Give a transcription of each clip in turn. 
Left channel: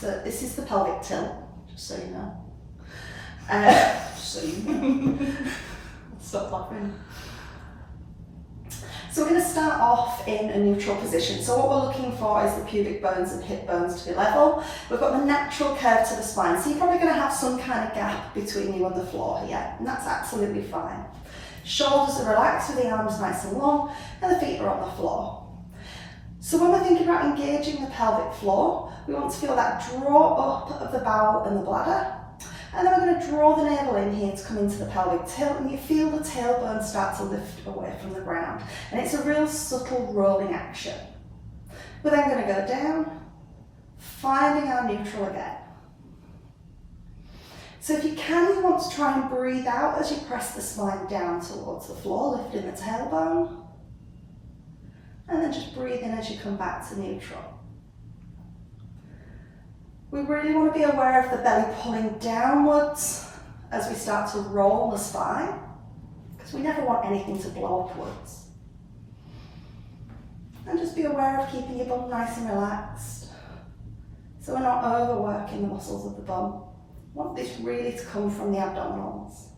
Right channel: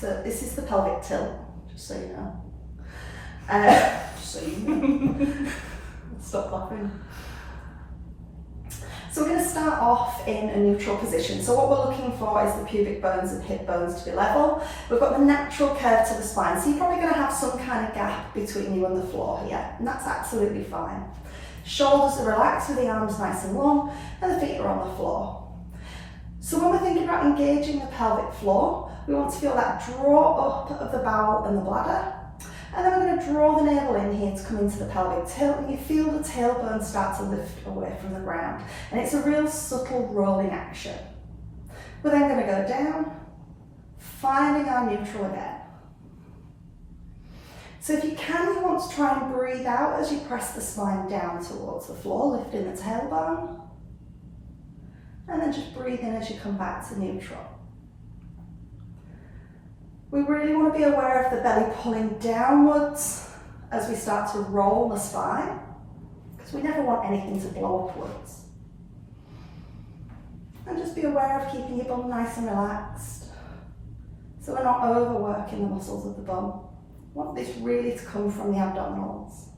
So this is the pelvic tilt, just so you know. Just so you know. Stop laughing. So we're going to start off in a neutral position. So what we're looking for is the pubic bones and hip bones to be level. We've got the natural curve to the spine, so you're probably going to have some kind of gap between you and the floor here, and that's absolutely fine. Shoulders are relaxed with the arms nice and long, and the feet are on the floor. So when we're thinking about engaging the pelvic floor, we want to feel that draw up of the bowel and the bladder. And then we're going to draw the navel in here to come into the pelvic tilt, and you feel the tailbone start to lift away from the ground. And it's a real subtle rolling action. We're then going to go down, finding our neutral again. So if you can, you want to try and breathe out as you press the spine down towards the floor, lifting the tailbone. And then just breathe in as you come back to neutral. We really want to be aware of the belly pulling downwards as we start to roll the spine, because we never want anything to blow upwards. And just be aware of keeping your bum nice and relaxed, so we're not overworking the muscles of the bum. We want this really to come from the abdominals.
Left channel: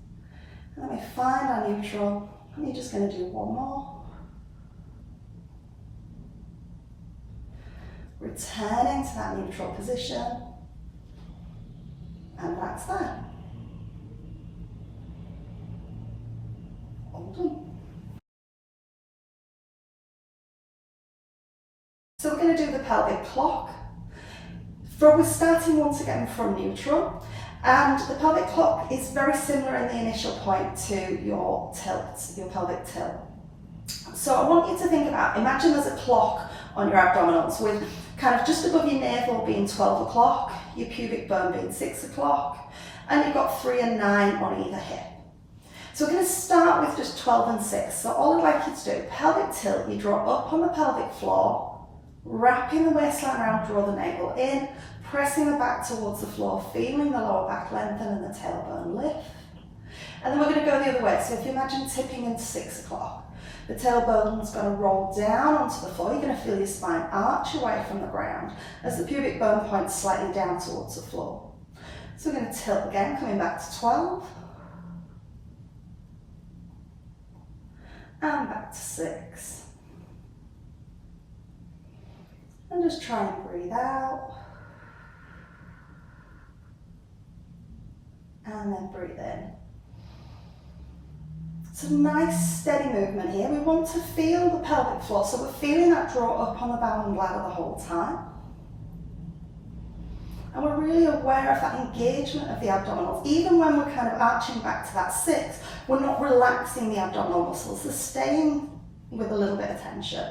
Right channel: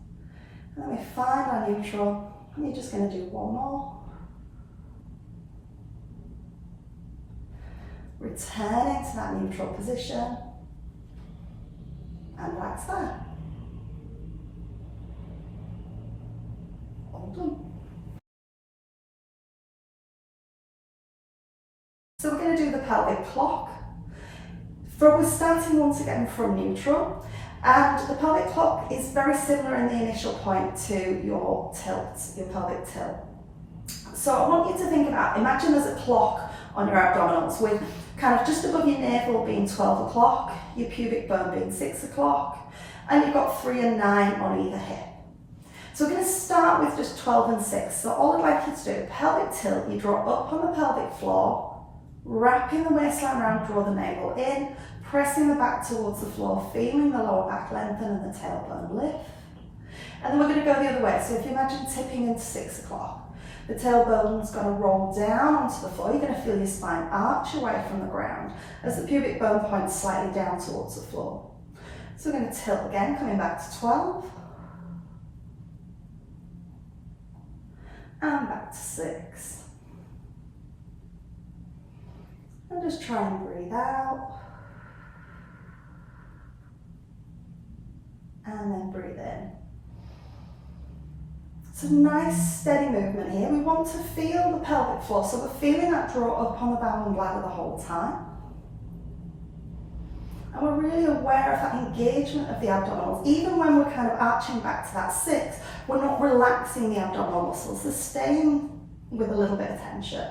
And then we find our neutral, and you're just going to do one more. Return into that neutral position, and back side. All done. So we're going to do the pelvic clock. We're starting once again from neutral, and the pelvic clock is very similar in the initial point to your tilt, your pelvic tilt. So I want you to think about, imagine there's a clock on your abdominals with kind of just above your navel being 12 o'clock, your pubic bone being 6 o'clock, and you've got 3 and 9 on either hip. So we're going to start with just 12 and 6. So all I'd like you to do, pelvic tilt, you draw up on the pelvic floor, wrapping the waistline around, draw the navel in, pressing the back towards the floor, feeling the lower back lengthen and the tailbone lift. And then we're going to go the other way. So if you imagine tipping into 6 o'clock, the tailbone's going to roll down onto the floor. You're going to feel your spine arch away from the ground as the pubic bone points slightly down towards the floor. So we're going to tilt again, coming back to 12. And back to 6. And just try and breathe out. And then breathe in. It's a nice steady movement here. We want to feel the pelvic floor, so we're feeling that draw up on the bowel and bladder the whole time. And we're really aware of that engagement of the abdominals. Even when we're kind of arching back to that 6, we're not relaxing the abdominal muscles. They're staying with a little bit of tension.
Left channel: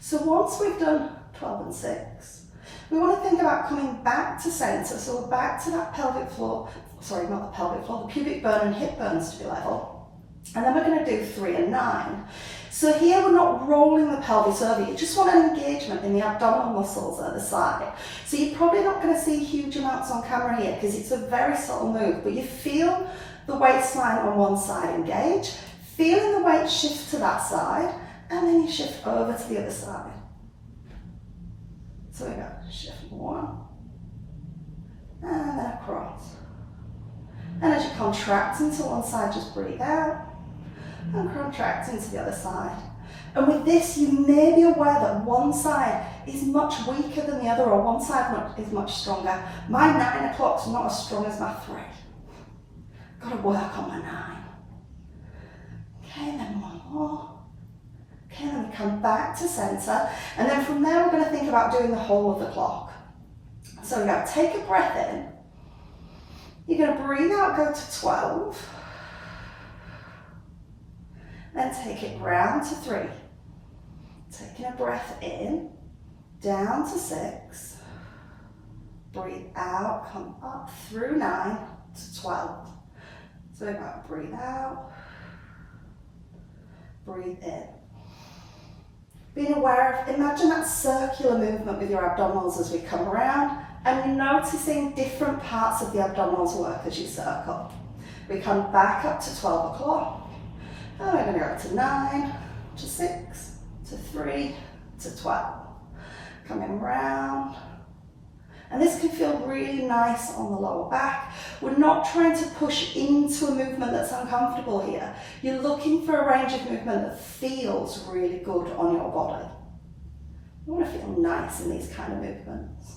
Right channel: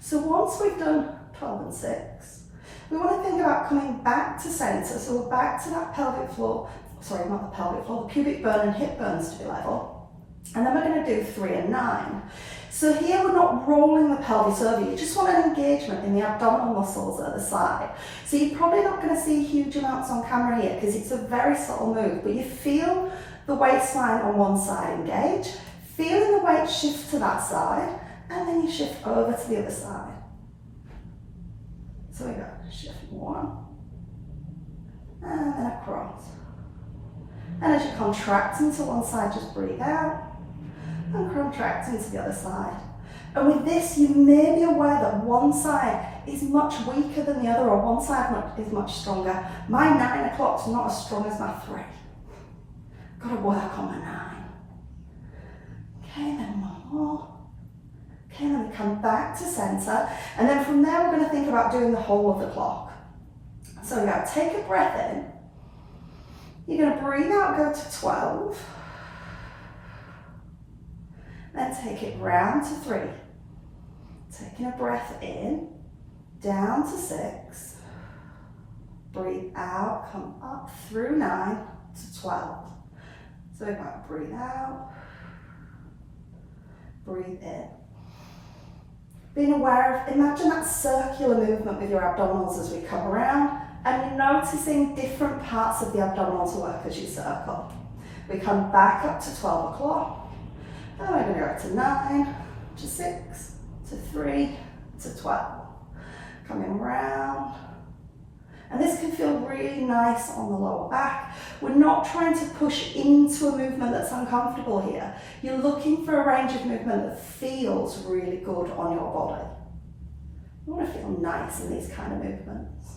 So once we've done 12 and 6, we want to think about coming back to center. So we're back to that pelvic floor. Sorry, not the pelvic floor, the pubic bone and hip bones to be level. And then we're going to do 3 and 9. So here we're not rolling the pelvis over, you just want an engagement in the abdominal muscles at the side. So you're probably not going to see huge amounts on camera here because it's a very subtle move, but you feel the waistline on one side engage, feeling the weight shift to that side, and then you shift over to the other side. So we go, shift 1, and then across. And as you contract into one side, just breathe out and contract into the other side. And with this, you may be aware that one side is much weaker than the other, or one side is much stronger. My 9 o'clock's not as strong as my 3. Got to work on my 9. Okay, then one more. Okay, and then we come back to center. And then from there, we're going to think about doing the whole of the clock. So we're going to take a breath in. You're going to breathe out, go to 12. Then take it round to 3. Taking a breath in, down to 6. Breathe out, come up through 9 to 12. So we're going to breathe out, breathe in. Being aware of, imagine that circular movement with your abdominals as we come around, and you're noticing different parts of the abdominals work as you circle. We come back up to 12 o'clock, and we're going to go to 9, to 6, to 3, to 12. Coming round. And this can feel really nice on the lower back. We're not trying to push into a movement that's uncomfortable here. You're looking for a range of movement that feels really good on your body. You want to feel nice in these kind of movements.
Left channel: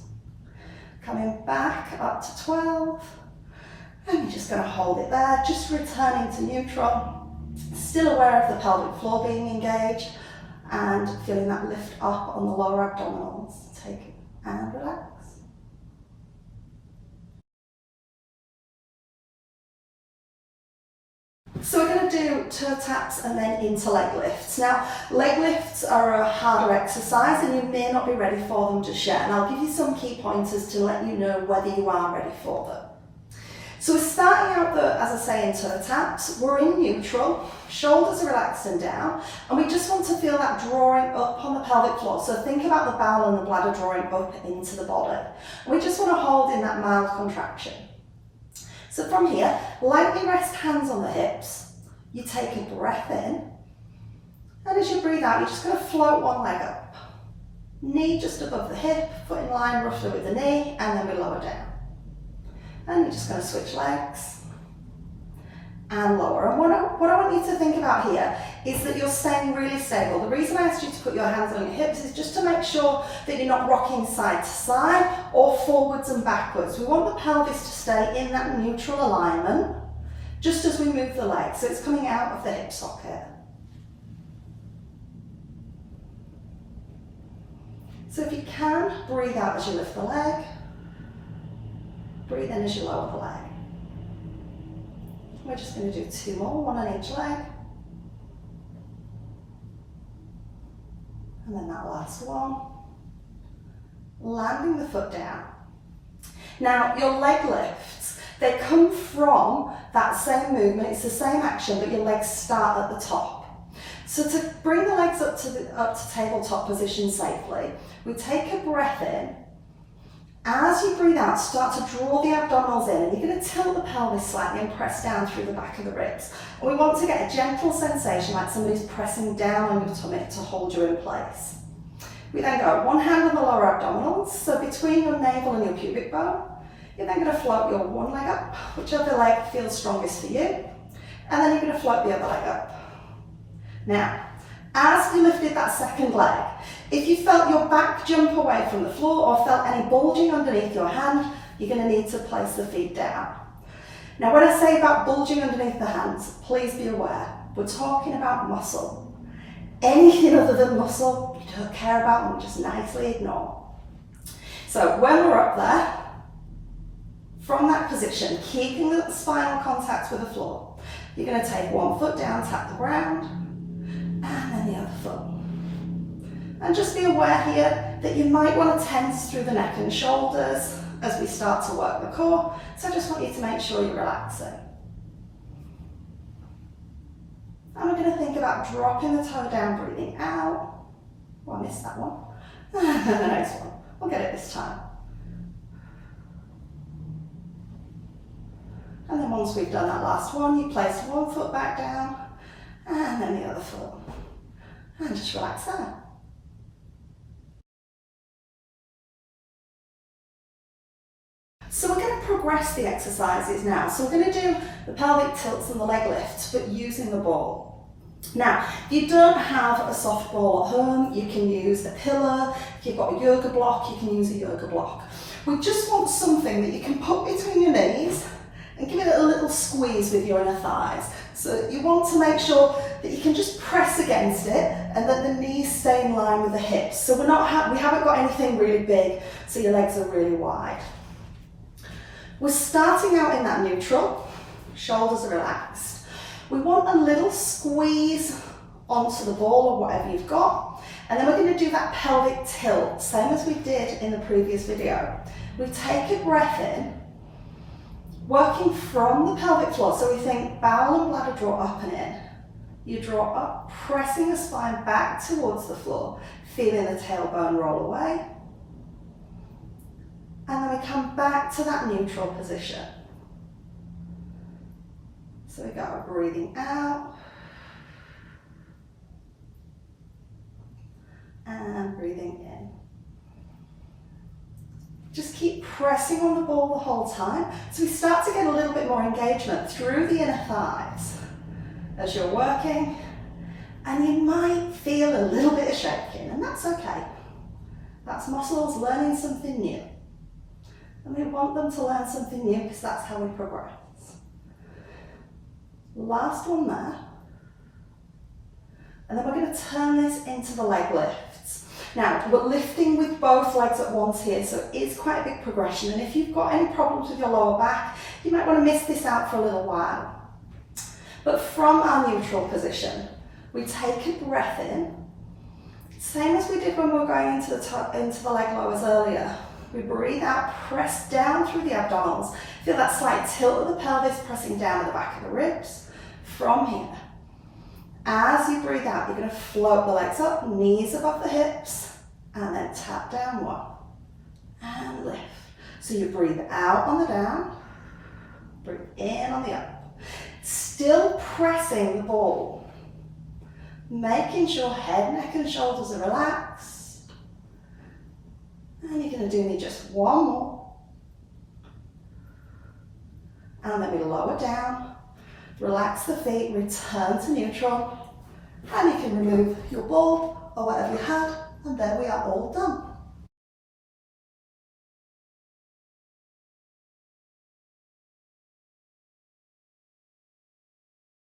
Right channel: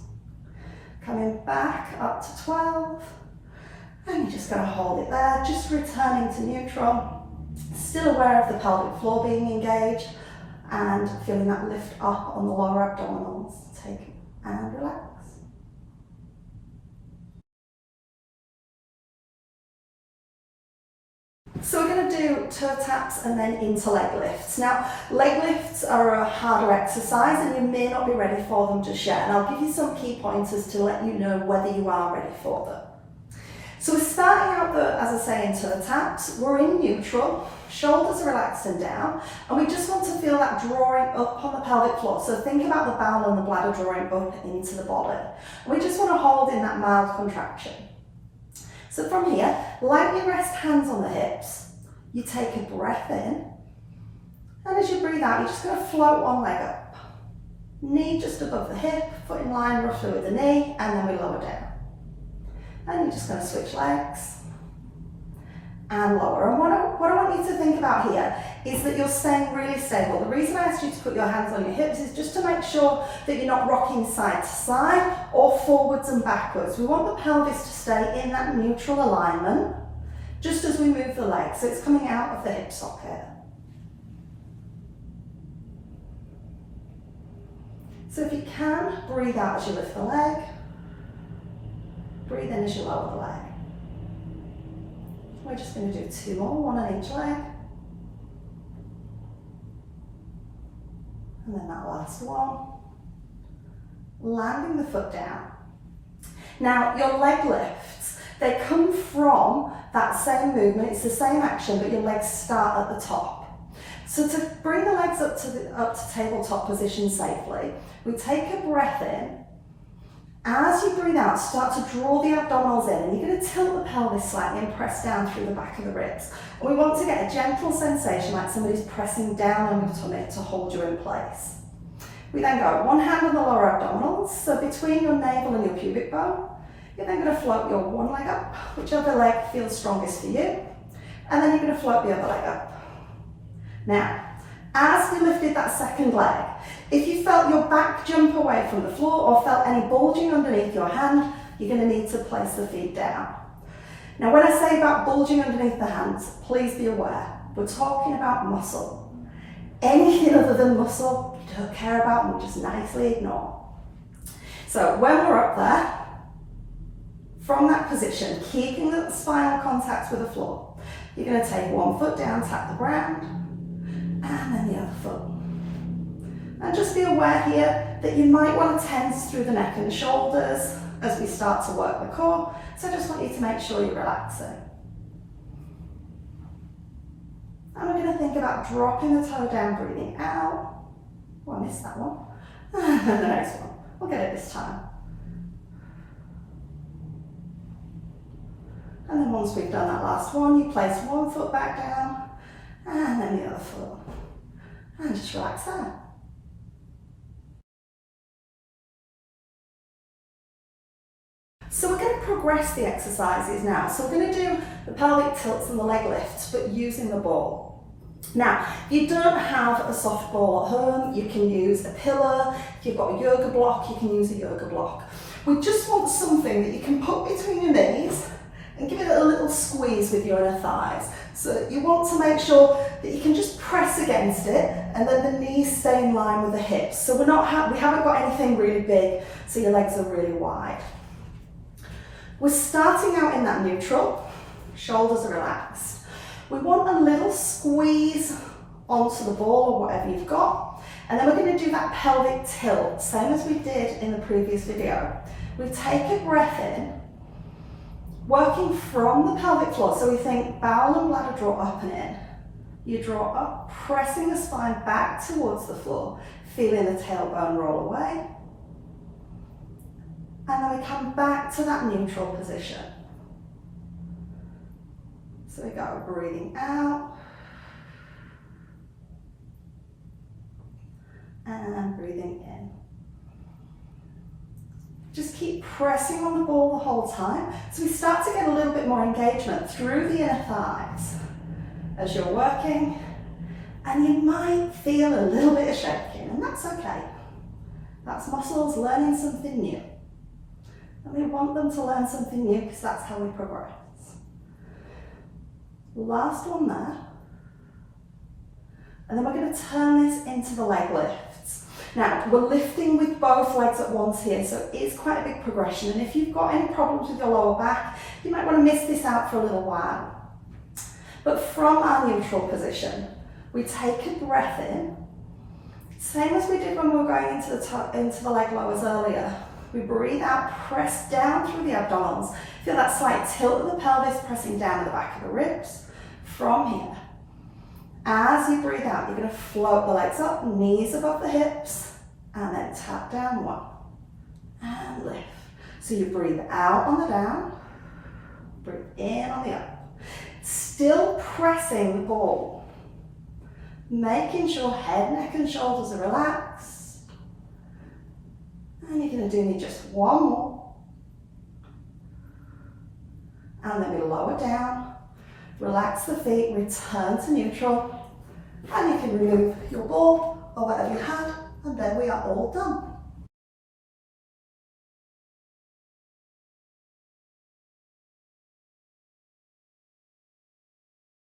Coming back up to 12. And you're just going to hold it there, just returning to neutral. Still aware of the pelvic floor being engaged and feeling that lift up on the lower abdominals. Take it and relax. So we're going to do toe taps and then into leg lifts. Now, leg lifts are a harder exercise and you may not be ready for them just yet. And I'll give you some key pointers to let you know whether you are ready for them. So we're starting out, as I say, in toe taps. We're in neutral, shoulders are relaxed and down, and we just want to feel that drawing up on the pelvic floor. So think about the bowel and the bladder drawing up into the body. And we just want to hold in that mild contraction. So from here, lightly rest hands on the hips. You take a breath in, and as you breathe out, you're just going to float one leg up. Knee just above the hip, foot in line roughly with the knee, and then we lower down. And you're just going to switch legs and lower. And what I want you to think about here is that you're staying really stable. The reason I asked you to put your hands on your hips is just to make sure that you're not rocking side to side or forwards and backwards. We want the pelvis to stay in that neutral alignment just as we move the legs. So it's coming out of the hip socket. So if you can, breathe out as you lift the leg. Breathe in as you lower the leg. We're just going to do 2 more, one on each leg. And then that last one. Landing the foot down. Now, your leg lifts, they come from that same movement. It's the same action, but your legs start at the top. So to bring the legs up to tabletop position safely, we take a breath in. As you breathe out, start to draw the abdominals in, and you're going to tilt the pelvis slightly and press down through the back of the ribs. And we want to get a gentle sensation like somebody's pressing down on your tummy to hold you in place. We then go one hand on the lower abdominals, so between your navel and your pubic bone. You're then going to float your one leg up, whichever leg feels strongest for you, and then you're going to float the other leg up. Now, as we lifted that second leg, if you felt your back jump away from the floor or felt any bulging underneath your hand, you're going to need to place the feet down. Now, when I say about bulging underneath the hands, please be aware, we're talking about muscle. Anything other than muscle, you don't care about and we just nicely ignore. So when we're up there, from that position, keeping the spinal contact with the floor, you're going to take one foot down, tap the ground, and then the other foot. And just be aware here that you might want to tense through the neck and shoulders as we start to work the core. So I just want you to make sure you're relaxing. And we're going to think about dropping the toe down, breathing out. Oh, I missed that one. And the next one. We'll get it this time. And then once we've done that last one, you place one foot back down and then the other foot. And just relax out. So we're going to progress the exercises now. So we're going to do the pelvic tilts and the leg lifts, but using the ball. Now, if you don't have a soft ball at home, you can use a pillow. If you've got a yoga block, you can use a yoga block. We just want something that you can put between your knees and give it a little squeeze with your inner thighs. So you want to make sure that you can just press against it and then the knees stay in line with the hips. So we haven't got anything really big, so your legs are really wide. We're starting out in that neutral, shoulders are relaxed. We want a little squeeze onto the ball or whatever you've got, and then we're going to do that pelvic tilt, same as we did in the previous video. We take a breath in, working from the pelvic floor, so we think bowel and bladder draw up and in. You draw up, pressing the spine back towards the floor, feeling the tailbone roll away. And then we come back to that neutral position. So we go breathing out and breathing in. Just keep pressing on the ball the whole time. So we start to get a little bit more engagement through the inner thighs as you're working, and you might feel a little bit of shaking, and that's okay. That's muscles learning something new. And we want them to learn something new because that's how we progress. Last one there. And then we're going to turn this into the leg lifts. Now, we're lifting with both legs at once here, so it's quite a big progression. And if you've got any problems with your lower back, you might want to miss this out for a little while. But from our neutral position, we take a breath in, same as we did when we were going into the leg lowers earlier. We breathe out, press down through the abdominals. Feel that slight tilt of the pelvis pressing down at the back of the ribs. From here, as you breathe out, you're going to float the legs up, knees above the hips, and then tap down one, and lift. So you breathe out on the down, breathe in on the up. Still pressing the ball, making sure head, neck, and shoulders are relaxed. And you're going to do me just one more. And then we lower down, relax the feet, return to neutral, and you can remove your ball or whatever you had, and then we are all done.